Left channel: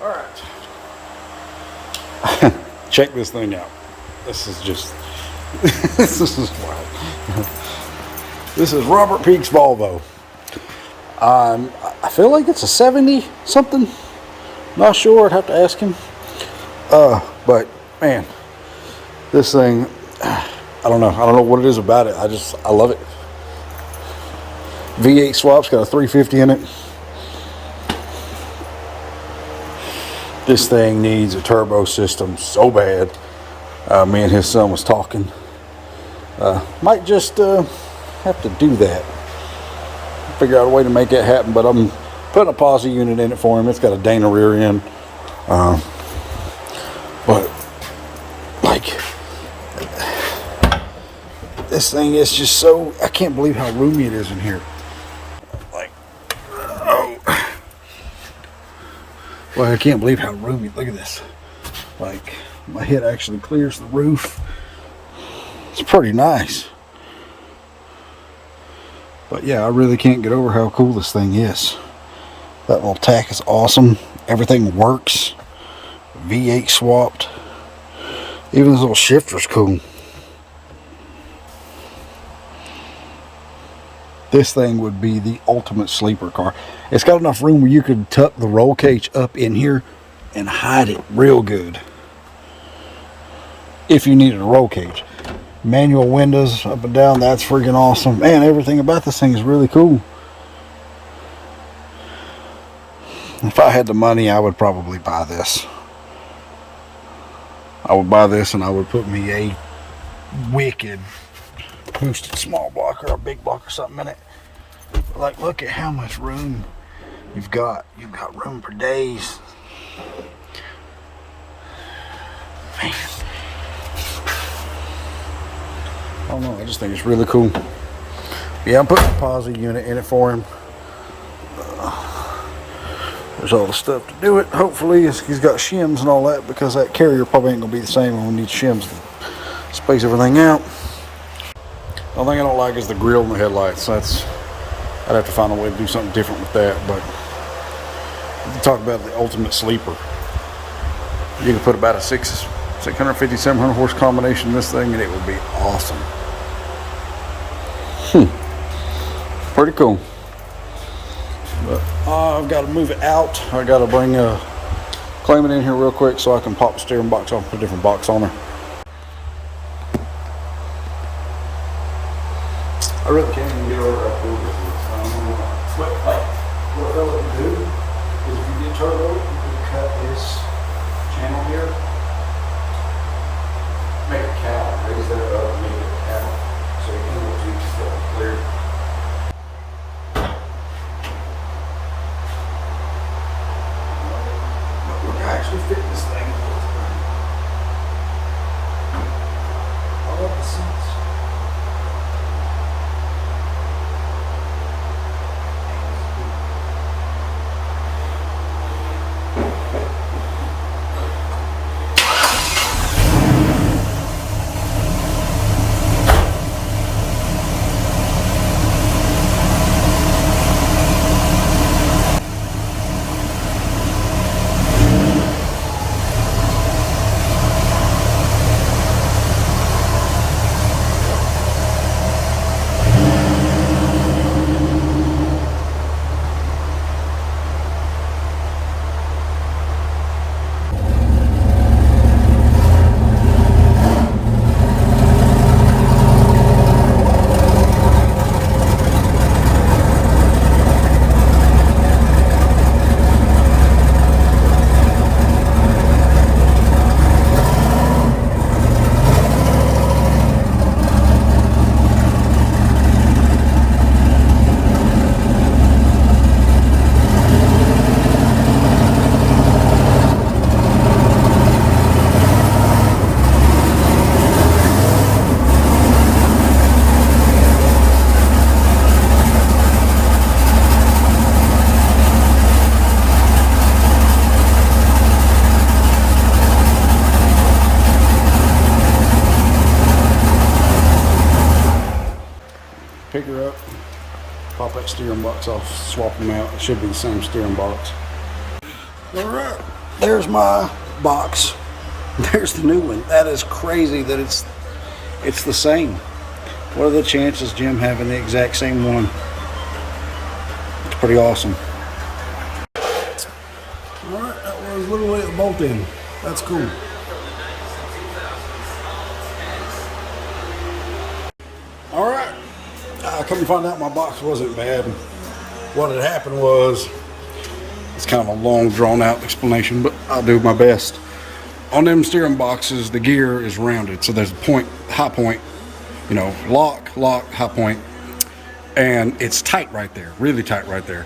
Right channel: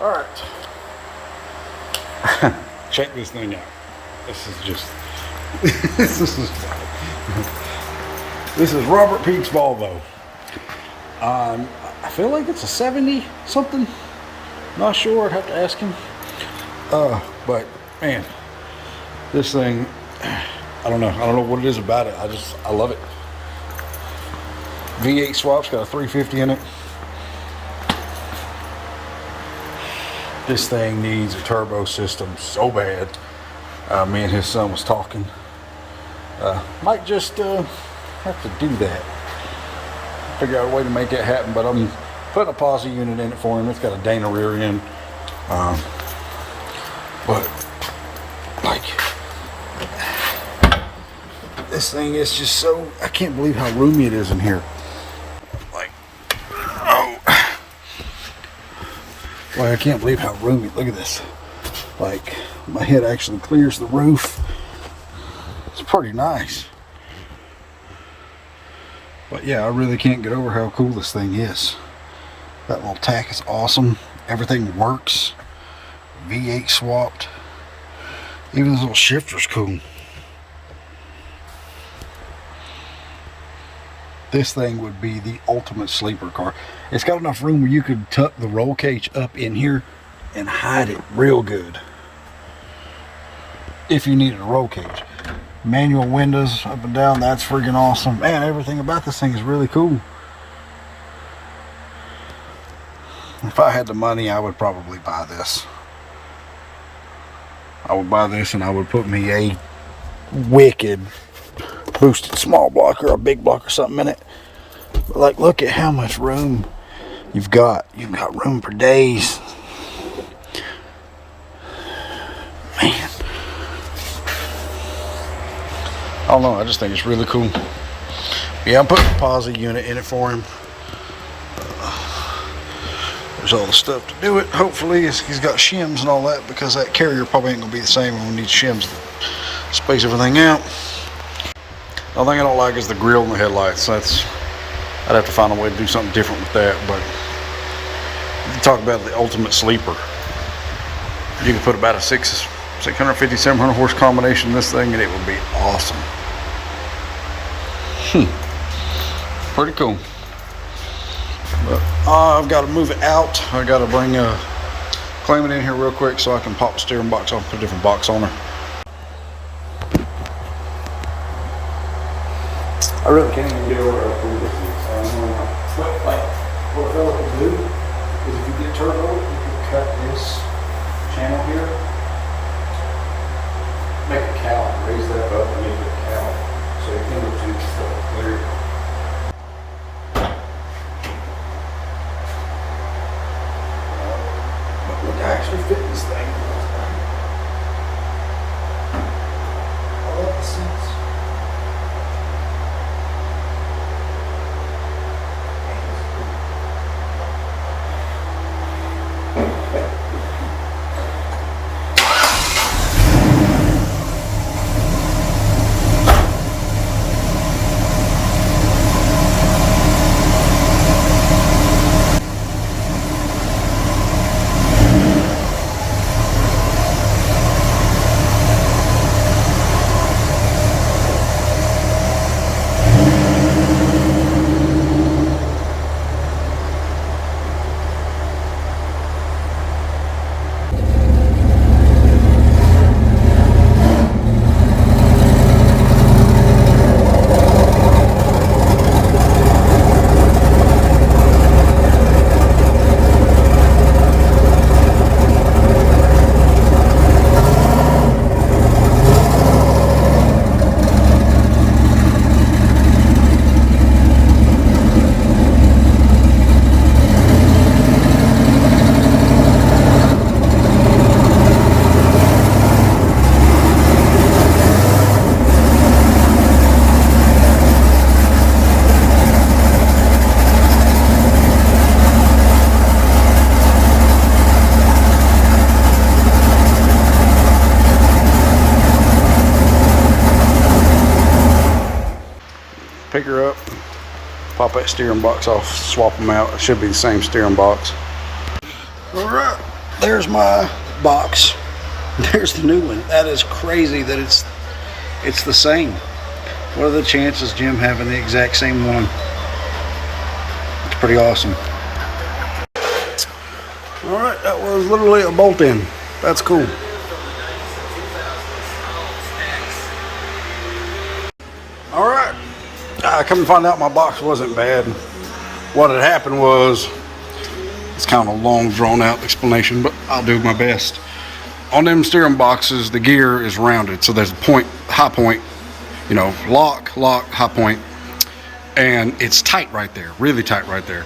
All right. Check this thing out. This is just this is wild. This is Robert Peeks Volvo. I feel like it's a 70 something. Not sure. I'd have to ask him. But man, this thing, I don't know. I don't know what it is about it. I love it. V8 swap's got a 350 in it. This thing needs a turbo system so bad. Me and his son was talking. Might just have to do that. Figure out a way to make that happen. But I'm putting a Posi unit in it for him. It's got a Dana rear end. But like this thing is just so, I can't believe how roomy it is in here. Like, oh. Well, I can't believe how roomy. Look at this. Like, my head actually clears the roof. It's pretty nice. But yeah, I really can't get over how cool this thing is. That little tack is awesome. Everything works. V8 swapped. Even this little shifter's cool. This thing would be the ultimate sleeper car. It's got enough room where you could tuck the roll cage up in here and hide it real good. If you needed a roll cage. Manual windows up and down, that's freaking awesome. Man, everything about this thing is really cool. If I had the money, I would probably buy this. I would buy this and I would put me a wicked boosted small block or a big block or something in it. But like, look at how much room you've got. You've got room for days. Man. I don't know, I just think it's really cool. Yeah, I'm putting a Posi unit in it for him. There's all the stuff to do it. Hopefully he's got shims and all that, because that carrier probably ain't gonna be the same when we need shims to space everything out. The only thing I don't like is the grill and the headlights. I'd have to find a way to do something different with that. But if you talk about the ultimate sleeper, you could put about a 650, 700 horse combination in this thing and it would be awesome. Pretty cool. But I've got to move it out. I got to bring Calamity in here real quick so I can pop the steering box off and put a different box on her. I really can't even get over how cool this is. But like, what a fella can do is if you get turbo, you can cut this channel here, make a cowl, raise that up and make it a cowl, so you can go through stuff clear. But look, I actually fit this thing. I love the seats. Pick her up, pop that steering box off, swap them out. It should be the same steering box. All right, there's my box. There's the new one. That is crazy that it's the same. What are the chances Jim having the exact same one? It's pretty awesome. All right, that was literally a bolt in. That's cool. All right, I come to find out my box wasn't bad. What had happened was, it's kind of a long, drawn out explanation, but I'll do my best. On them steering boxes, the gear is rounded, so there's a point, high point, you know, lock, high point, and it's tight right there, really tight right there.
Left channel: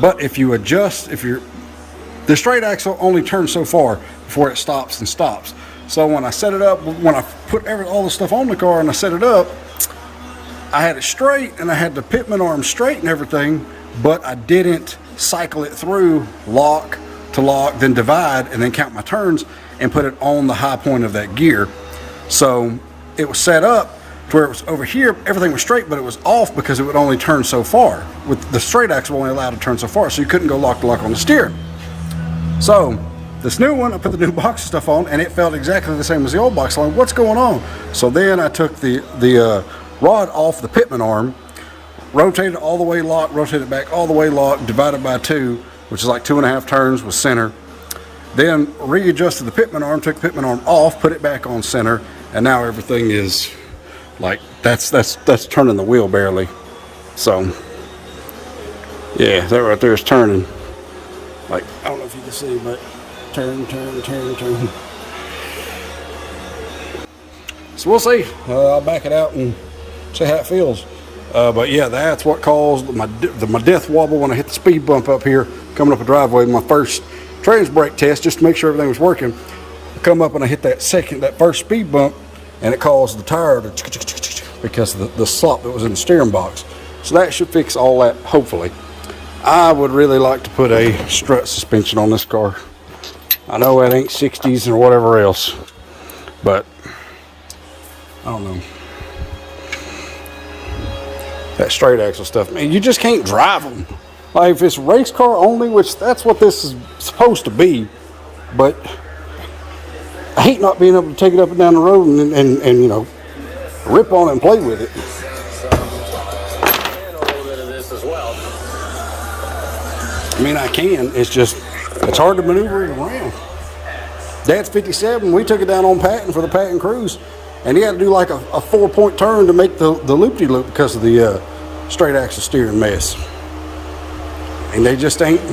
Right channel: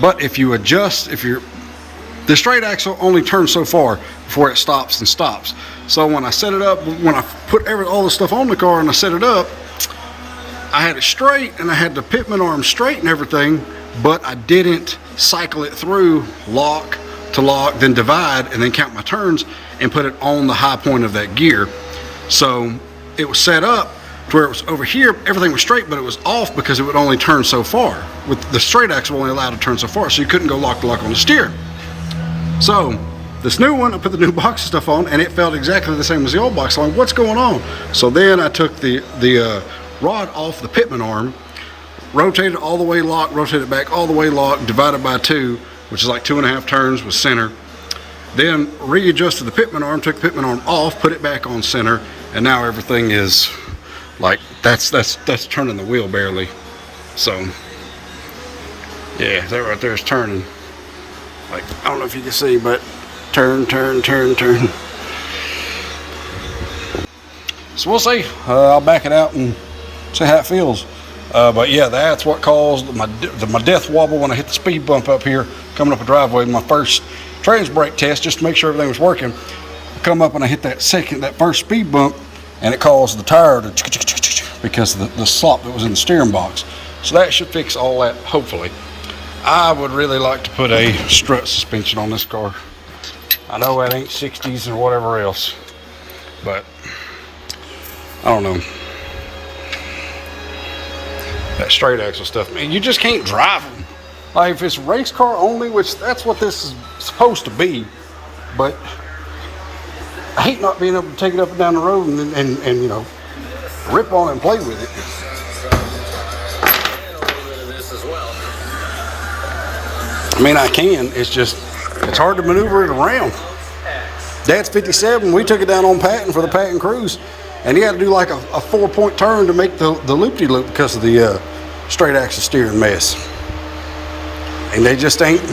But if you adjust, the straight axle only turns so far before it stops and stops. So when I set it up, when I put all the stuff on the car and I set it up, I had it straight and I had the pitman arm straight and everything, but I didn't cycle it through lock to lock, then divide, and then count my turns and put it on the high point of that gear. So it was set up to where it was over here, everything was straight, but it was off because it would only turn so far. With the straight axle only allowed to turn so far, so you couldn't go lock to lock on the steer. So this new one, I put the new box stuff on, and it felt exactly the same as the old box. I'm like, what's going on? So then I took the rod off the pitman arm, rotated all the way locked, rotated back all the way locked, divided by 2, which is like 2.5 turns with center. Then readjusted the pitman arm, took the pitman arm off, put it back on center, and now everything is like, that's turning the wheel barely. So yeah, that right there is turning. Like, I don't know if you can see, but turn. So we'll see. I'll back it out and see how it feels. But yeah, that's what caused my death wobble when I hit the speed bump up here, coming up a driveway. My first trans brake test, just to make sure everything was working. I come up and I hit that first speed bump, and it caused the tire to because of the slop that was in the steering box. So that should fix all that, hopefully. I would really like to put a strut suspension on this car. I know it ain't 60s or whatever else, but I don't know. That straight axle stuff, man, you just can't drive them. Like, if it's race car only, which that's what this is supposed to be, but I hate not being able to take it up and down the road and you know, rip on it and play with it. I mean, I can, it's hard to maneuver it around. Dad's 57, we took it down on Patton for the Patton Cruise, and he had to do like a 4-point turn to make the loop-de-loop because of the straight axle steering mess. And they just ain't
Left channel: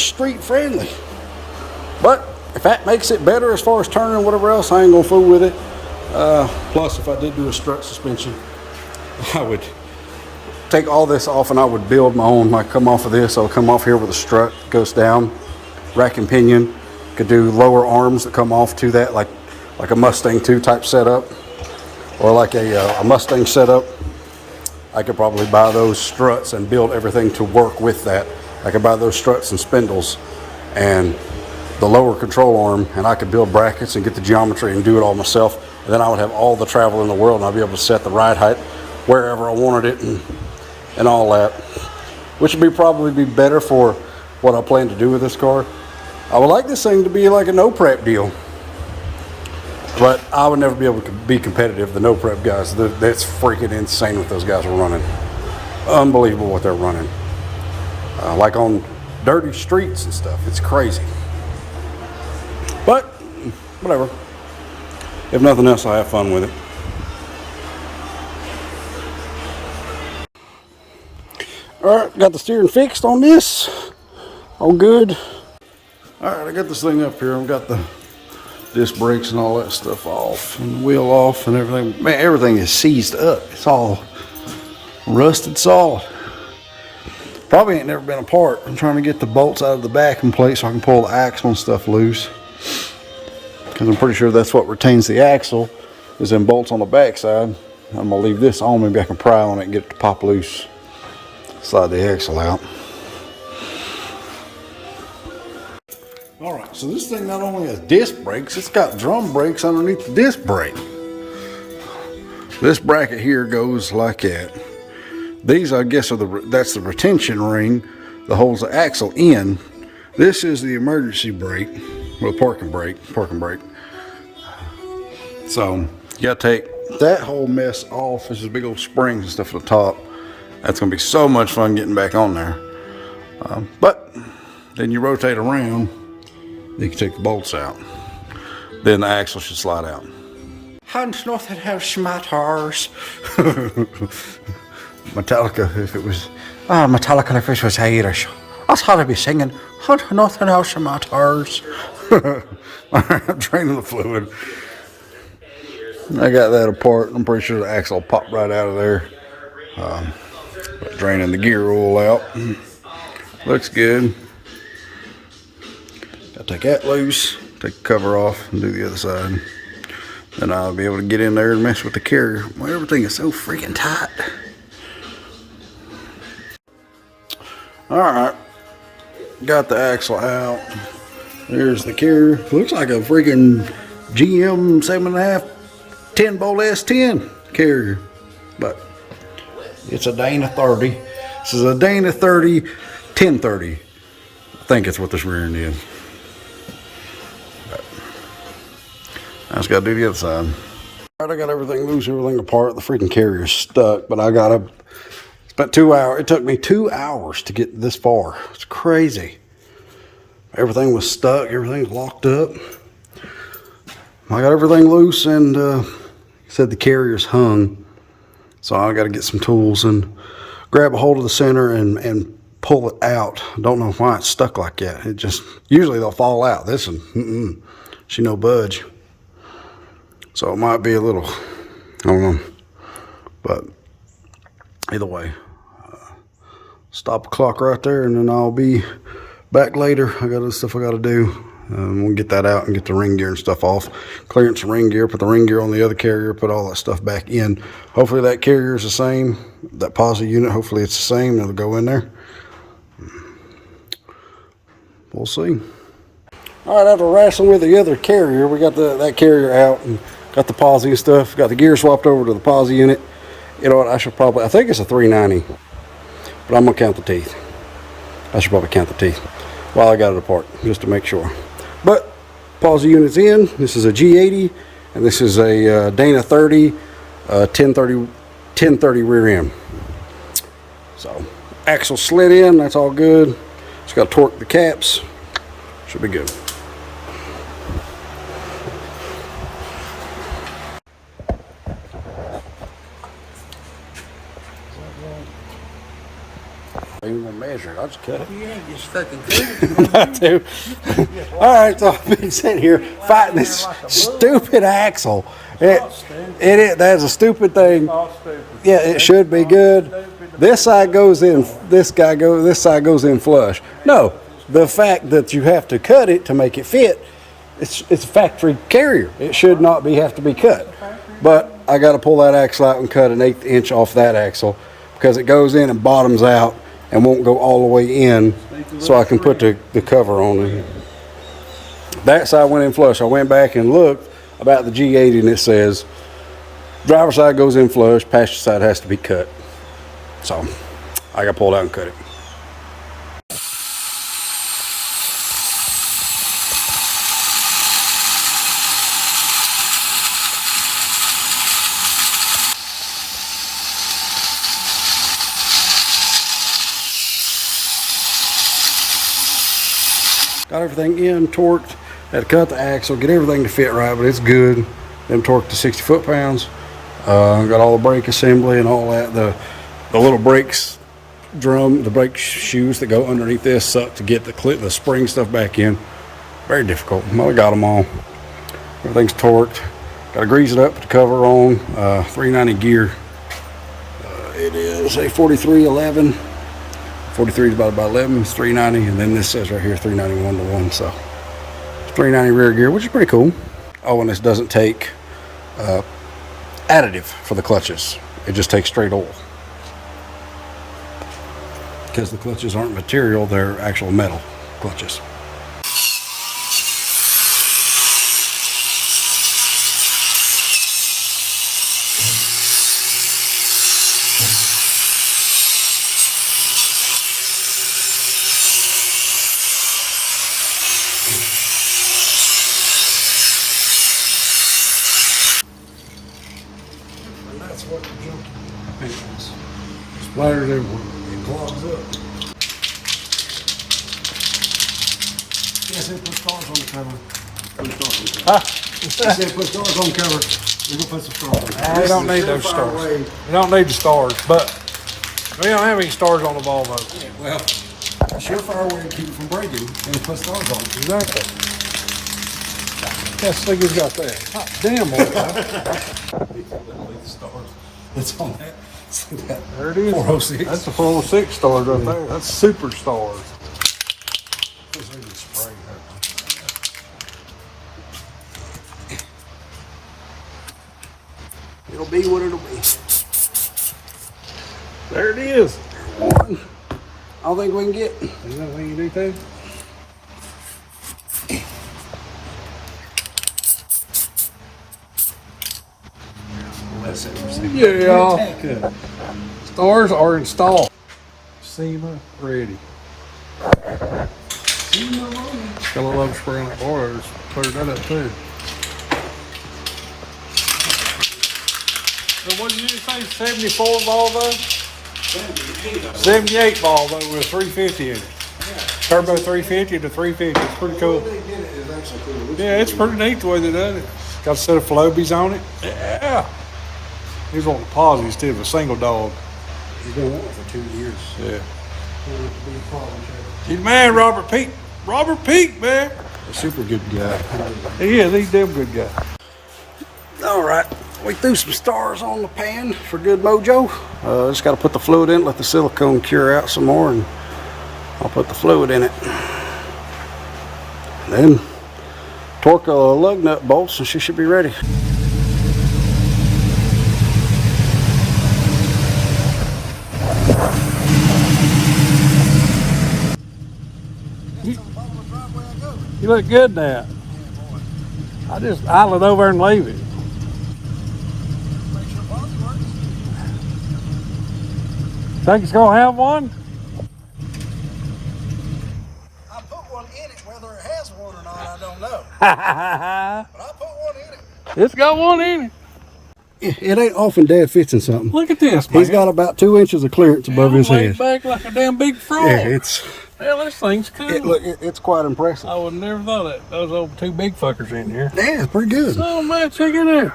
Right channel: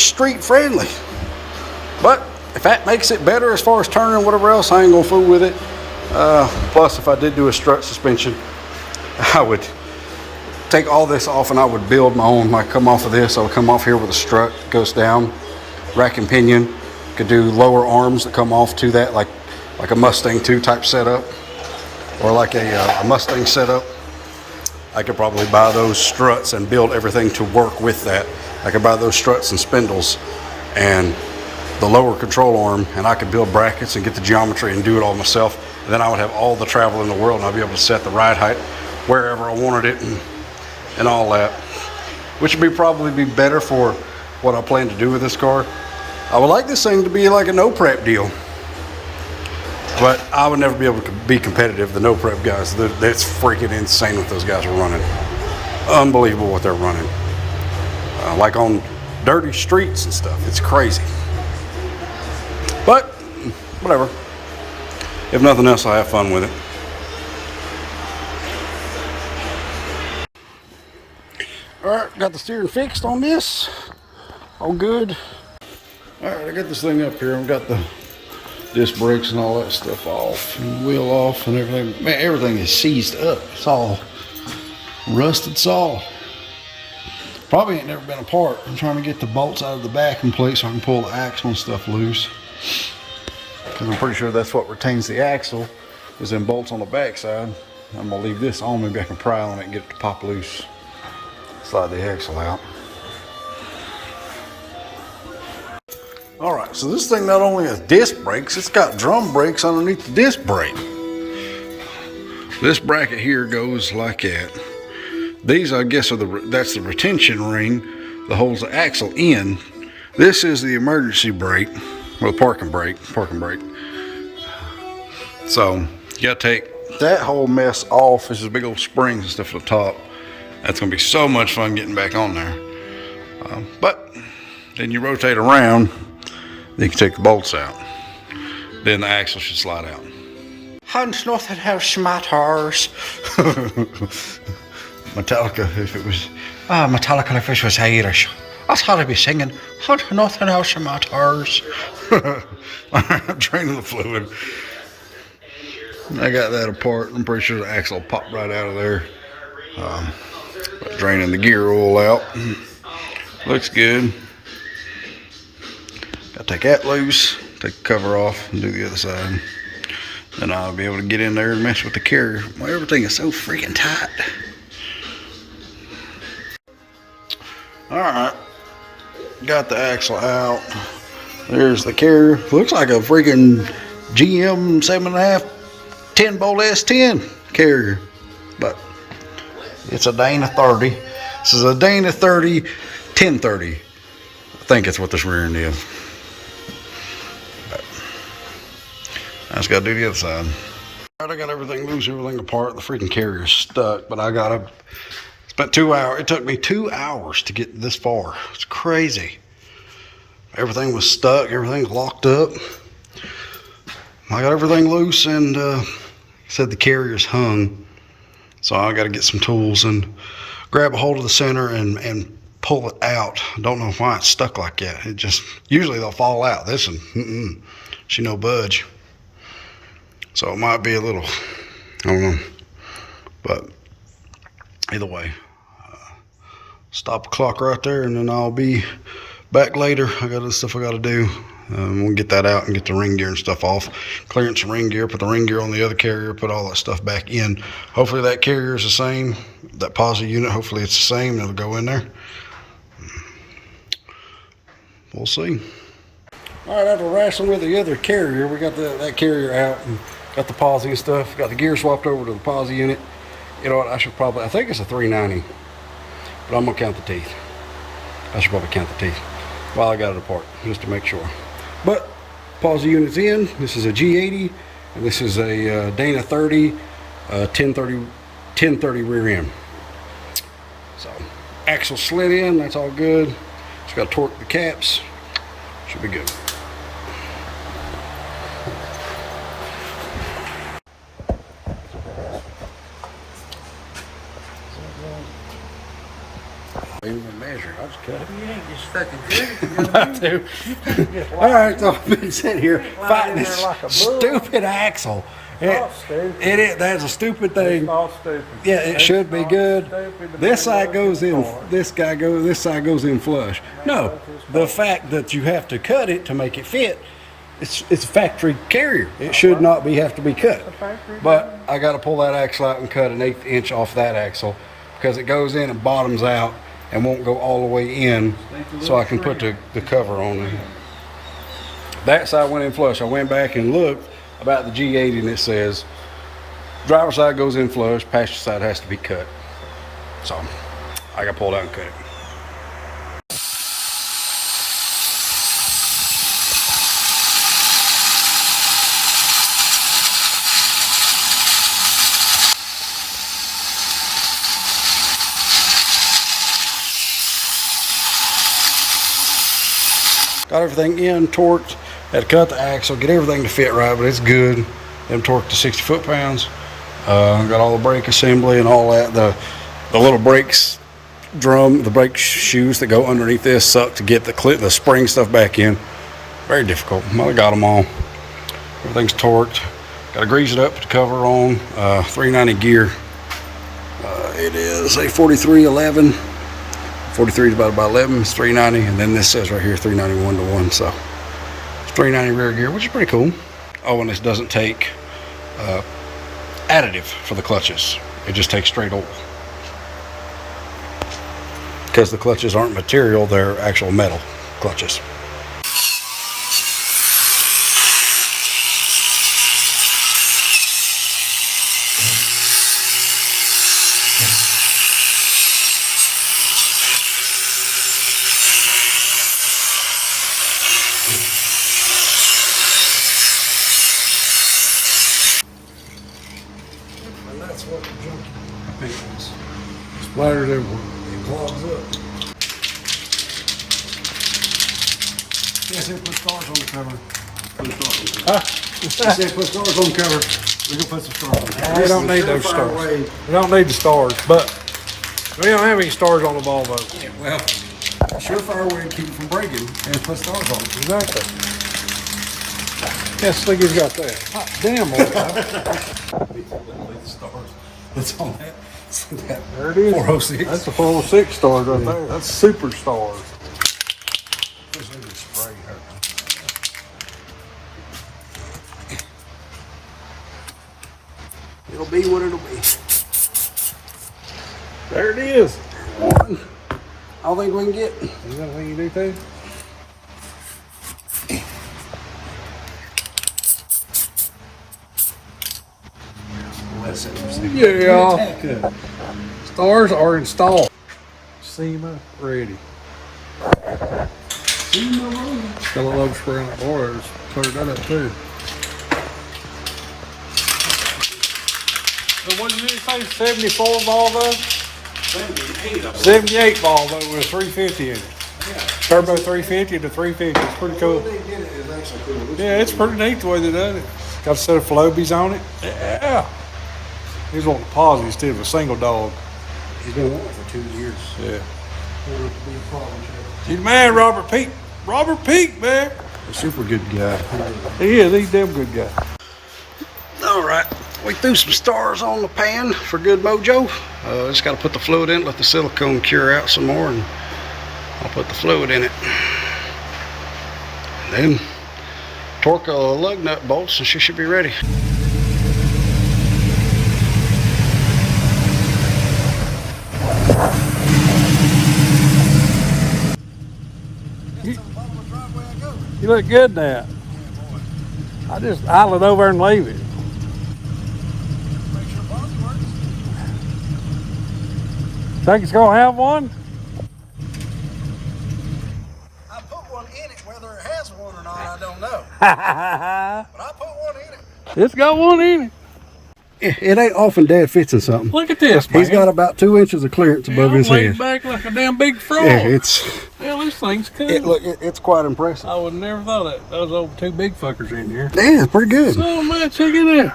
street friendly. But if that makes it better as far as turning and whatever else, I ain't gonna fool with it. Plus, if I did do a strut suspension, I would take all this off and I would build my own. Like, come off of this, I would come off here with a strut, goes down, rack and pinion. Could do lower arms that come off to that, like a Mustang 2 type setup, or like a Mustang setup. I could probably buy those struts and build everything to work with that. I could buy those struts and spindles and the lower control arm, and I could build brackets and get the geometry and do it all myself. And then I would have all the travel in the world, and I'd be able to set the ride height wherever I wanted it and all that, which would probably be better for what I plan to do with this car. I would like this thing to be like a no prep deal, but I would never be able to be competitive. The no prep guys, that's freaking insane what those guys are running. Unbelievable what they're running. Like on dirty streets and stuff. It's crazy. But whatever. If nothing else, I'll have fun with it. Alright, got the steering fixed on this. All good. Alright, I got this thing up here. I've got the disc brakes and all that stuff off, and the wheel off and everything. Man, everything is seized up. It's all rusted solid. Probably ain't never been apart. I'm trying to get the bolts out of the back in place so I can pull the axle and stuff loose. Because I'm pretty sure that's what retains the axle, is them bolts on the back side. I'm going to leave this on. Maybe I can pry on it and get it to pop loose. Slide the axle out. Alright, so this thing not only has disc brakes, it's got drum brakes underneath the disc brake. This bracket here goes like that. These, I guess, that's the retention ring that holds the axle in. This is the emergency brake, or the parking brake, So you gotta take that whole mess off. There's a big old springs and stuff at the top. That's gonna be so much fun getting back on there. But then you rotate around, then you can take the bolts out. Then the axle should slide out. Hans nothing else matters. Metallica, if it was, Metallica if it was Irish. That's how to be singing. Nothing else matters. I'm draining the fluid. I got that apart. I'm pretty sure the axle popped right out of there. But draining the gear oil out. Looks good. Gotta take that loose, take the cover off, and do the other side. Then I'll be able to get in there and mess with the carrier. Well, everything is so freaking tight. Alright. Got the axle out. There's the carrier. Looks like a freaking GM 7.5 10-bolt S10 carrier. But it's a Dana 30. This is a Dana 30 1030. I think that's what this rear end is. But I just got to do the other side. I got everything loose, everything apart. The freaking carrier's stuck, but I got to spent 2 hours. It took me 2 hours to get this far. It's crazy. Everything was stuck. Everything's locked up. I got everything loose and said the carrier's hung. So I got to get some tools and grab a hold of the center and pull it out. I don't know why it's stuck like that. It just, usually they'll fall out. This one, she no budge. So it might be a little, I don't know. But either way, stop the clock right there and then I'll be back later. I got other stuff I got to do. We'll get that out and get the ring gear and stuff off. Clearance the ring gear, put the ring gear on the other carrier, put all that stuff back in. Hopefully that carrier is the same. That Posi unit, hopefully it's the same. It'll go in there. We'll see. All right, after wrestling with the other carrier, we got that carrier out and got the Posi and stuff. Got the gear swapped over to the Posi unit. You know what, I think it's a 390, but I'm gonna count the teeth. I should probably count the teeth while I got it apart, just to make sure. But Posi unit's in. This is a G80, and this is a Dana 30, 1030 rear end. So axle slid in. That's all good. Just got to torque the caps. Should be good. I ain't gonna measure it. I'll just cut it. You ain't just fucking good. I do. All right, so I've been sitting here fighting this stupid axle. That's a stupid thing. Yeah, it should be good. This side goes in. This side goes in flush. No, the fact that you have to cut it to make it fit. It's a factory carrier. It should not have to be cut. But I got to pull that axle out and cut an 1/8 inch off that axle because it goes in and bottoms out and won't go all the way in, so I can put the cover on it. That side went in flush. I went back and looked about the G80 and it says driver's side goes in flush, passenger side has to be cut. So I got to pull it out and cut it. Got everything in, torqued, had to cut the axle, get everything to fit right, but it's good. Them torqued to 60 foot-pounds. Got all the brake assembly and all that. The little brakes drum, the brake shoes that go underneath this suck to get the spring stuff back in. Very difficult. Well, I got them all. Everything's torqued. Got to grease it up, put the cover on. 390 gear. It is a 4311. 43 divided by 11 is 390, and then this says right here 391 to 1, so 390 rear gear, which is pretty cool. Oh, and this doesn't take additive for the clutches. It just takes straight oil. Because the clutches aren't material, they're actual metal clutches. paint splatters everywhere. It clogs up. Yes, they put stars on the cover. Huh? They said put stars on the cover. We're gonna put some stars on the cover. We don't need those stars. We don't need the stars, but we don't have any stars on the Volvo. Yeah, well, surefire way to keep it from breaking and put stars on it. Exactly. Yes, look, you've got that. Hot damn, old guy. The stars. What's on that? There it is. 406. That's the 406 stars right there. That's super stars. Spray her. It'll be what it'll be. There it is. I think we can get. You got anything you do too? Yeah. Stars are installed. SEMA ready. Still a low spray on the bars. Clear that up too. So what did you say? 74 Volvo? 78 Volvo with 350 in it. Turbo 350 to 350. It's pretty cool. Yeah, it's pretty neat the way they done it. Got a set of Flobies on it. Yeah. He's wanting a Posi instead of a single dog. He's been wanting it for 2 years. Yeah. He's man, Robert Peek. Robert Peek, man. A super good guy. He is. He's a damn good guy. All right, we threw some stars on the pan for good mojo. Just got to put the fluid in, let the silicone cure out some more, and I'll put the fluid in it. Then torque a lug nut bolts and she should be ready. You look good now. I just idle it over and leave it. Think it's gonna have one? I put one in it, whether it has one or not, I don't know. But I put one in it. It's got one in it. It ain't often Dad fits in something. Look at this, man. He's got about 2 inches of clearance above his laid head. back like a damn big frog. Yeah, it's Hell, this thing's cool. it's quite impressive. I would never thought that. Those old two big fuckers in here. Yeah, it's pretty good. Oh man, check it out.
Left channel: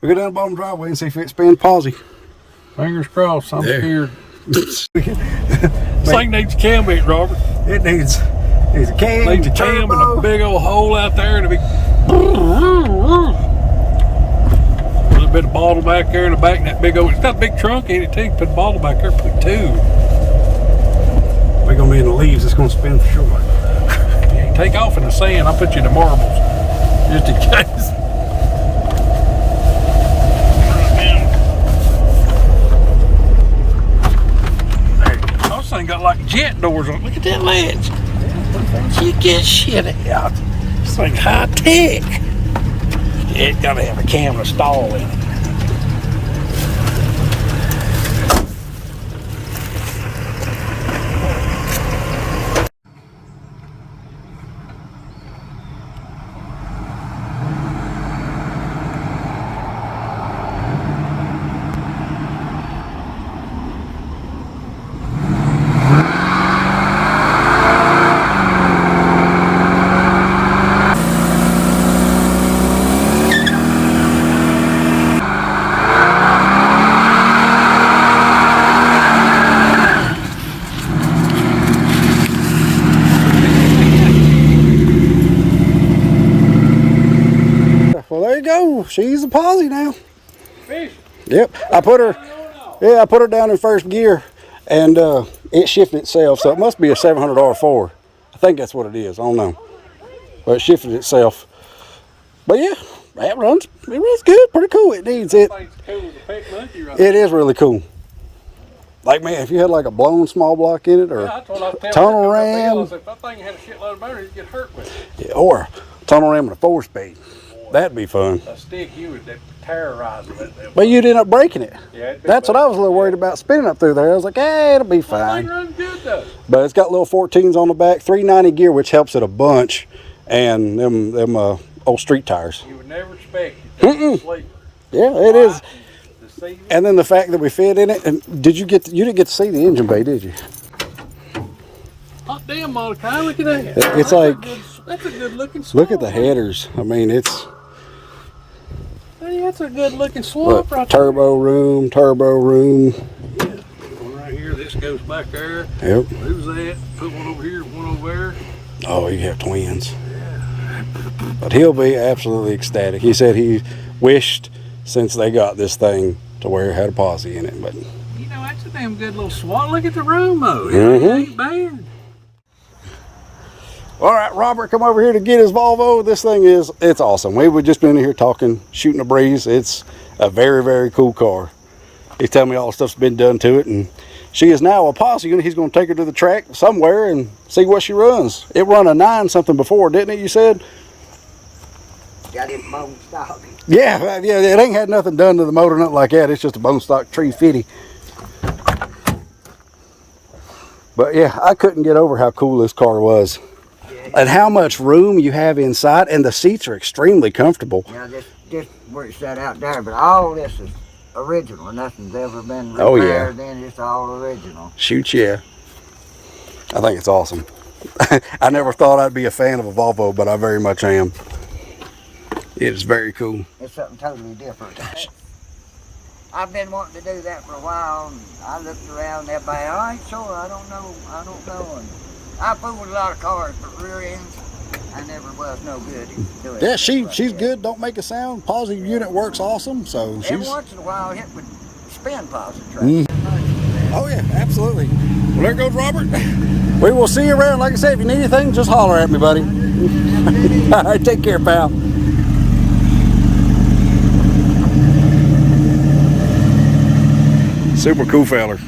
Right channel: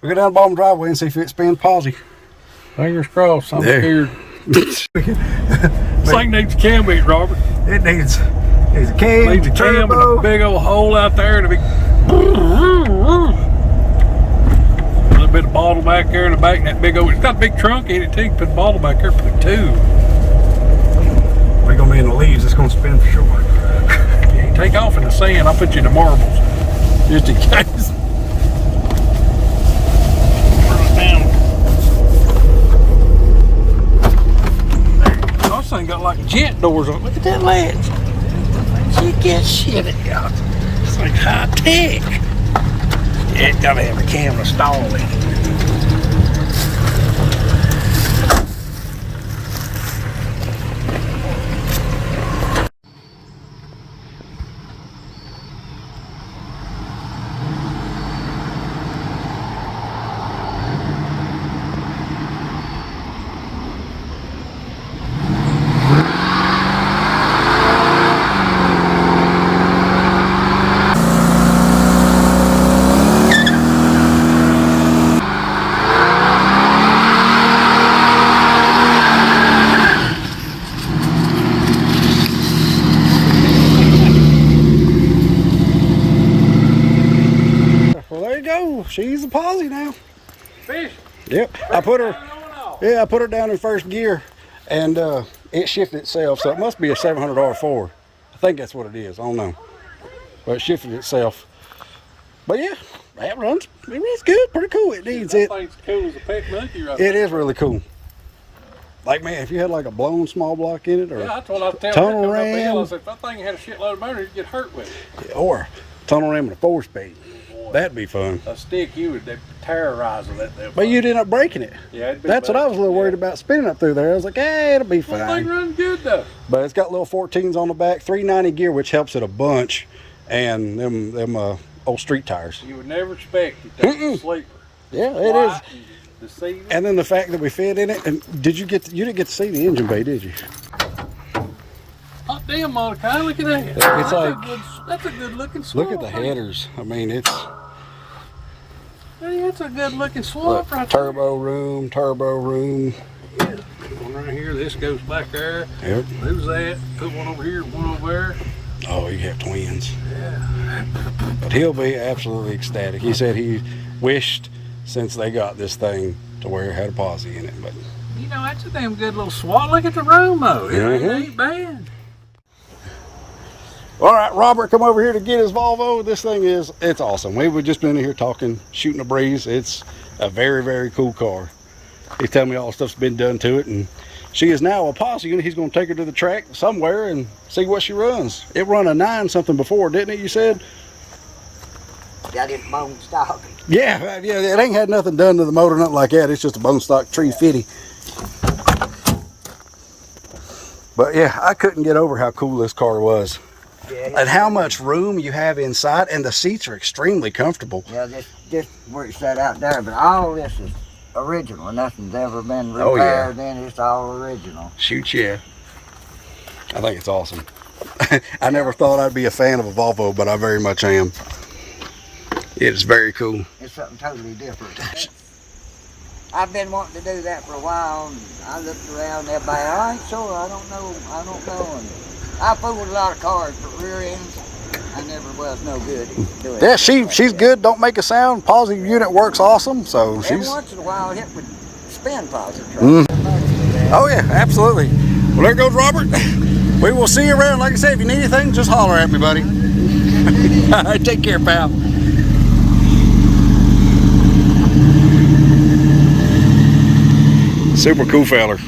We go down the bottom driveway and see if it spins Posi. Fingers crossed. I'm Yeah. scared. This thing needs a cam beat, Robert. It needs a cam. Needs a cam and a big old hole out there and a big little bit of bottle back there in the back and that big old, it's got a big trunk in it too. You put a bottle back there, put two. We're gonna be in the leaves, it's gonna spin for sure. Yeah, you take off in the sand, I'll put you in the marbles. Just in case. Right down. There. This thing got like jet doors on it. Look at that ledge. You get shit out. It's like high tech. Yeah, it gotta have a camera stall in it. She's a Posi now. Fish. Yep. I put her down in first gear and it shifted itself, so it must be a 700 R4. I think that's what it is. I don't know. But it shifted itself. But yeah, it runs good, pretty cool. It needs it. Thing's cool as a pet monkey right It is really cool. Like, man, if you had like a blown small block in it, or that's what I tell tunnel her. ram, If that thing had a shitload of motor, you'd get hurt with it. or tunnel ram with a 4-speed, that'd be fun. A stick, you would terrorize that. But you'd end up breaking it. Yeah, That's what I was a little worried about spinning up through there. I was like, hey, it'll be They fine. run good though. But it's got little 14s on the back, 390 gear, which helps it a bunch, and them old street tires. You would never expect it to sleep. Yeah, it is. The seat. And then the fact that we fit in it. And you didn't get to see the engine bay, did you? Hot damn, Mordecai, look at that. It's like, That's a good looking swamp. look at the headers. I mean, it's Hey, that's a good looking swamp right turbo room. there. One right here, this goes back there. Yep. Who's that? Put one over here, one over there. Oh, you have twins. Yeah. But he'll be absolutely ecstatic. He said he wished since they got this thing to where it had a Posi in it. But You know, that's a damn good little swamp. Look at the room though. It ain't bad. all right, Robert, come over here to get his Volvo. This thing it's awesome. We were just been in here talking, shooting a breeze. It's a very, very cool car. He's telling me all the stuff's been done to it, and she is now a Posi. He's going to take her to the track somewhere and see what she runs. It run a 9 something before, didn't it? You said? Got it bone stock. Yeah, it ain't had nothing done to the motor, nothing like that. It's just a bone stock 350. But yeah, I couldn't get over how cool this car was. And how much room you have inside, and the seats are extremely comfortable. Yeah, just where it's set out there, but all this is original. Nothing's ever been Oh, yeah. repaired, and it's all original. Shoot, yeah. I think it's awesome. I never thought I'd be a fan of a Volvo, but I very much am. It is very cool. It's something totally different. I've been wanting to do that for a while, and I looked around, everybody, I ain't sure, I don't know. And I fooled with a lot of cars, but rear ends, I never was no good at doing Yeah, stuff like she's that. good. Don't make a sound. Positive unit works awesome. So Every she's. once in a while, hit with spin positive. Oh yeah, absolutely. Well, there goes Robert. We will see you around. Like I said, if you need anything, just holler at me, buddy. All right, take care, pal. Super cool feller.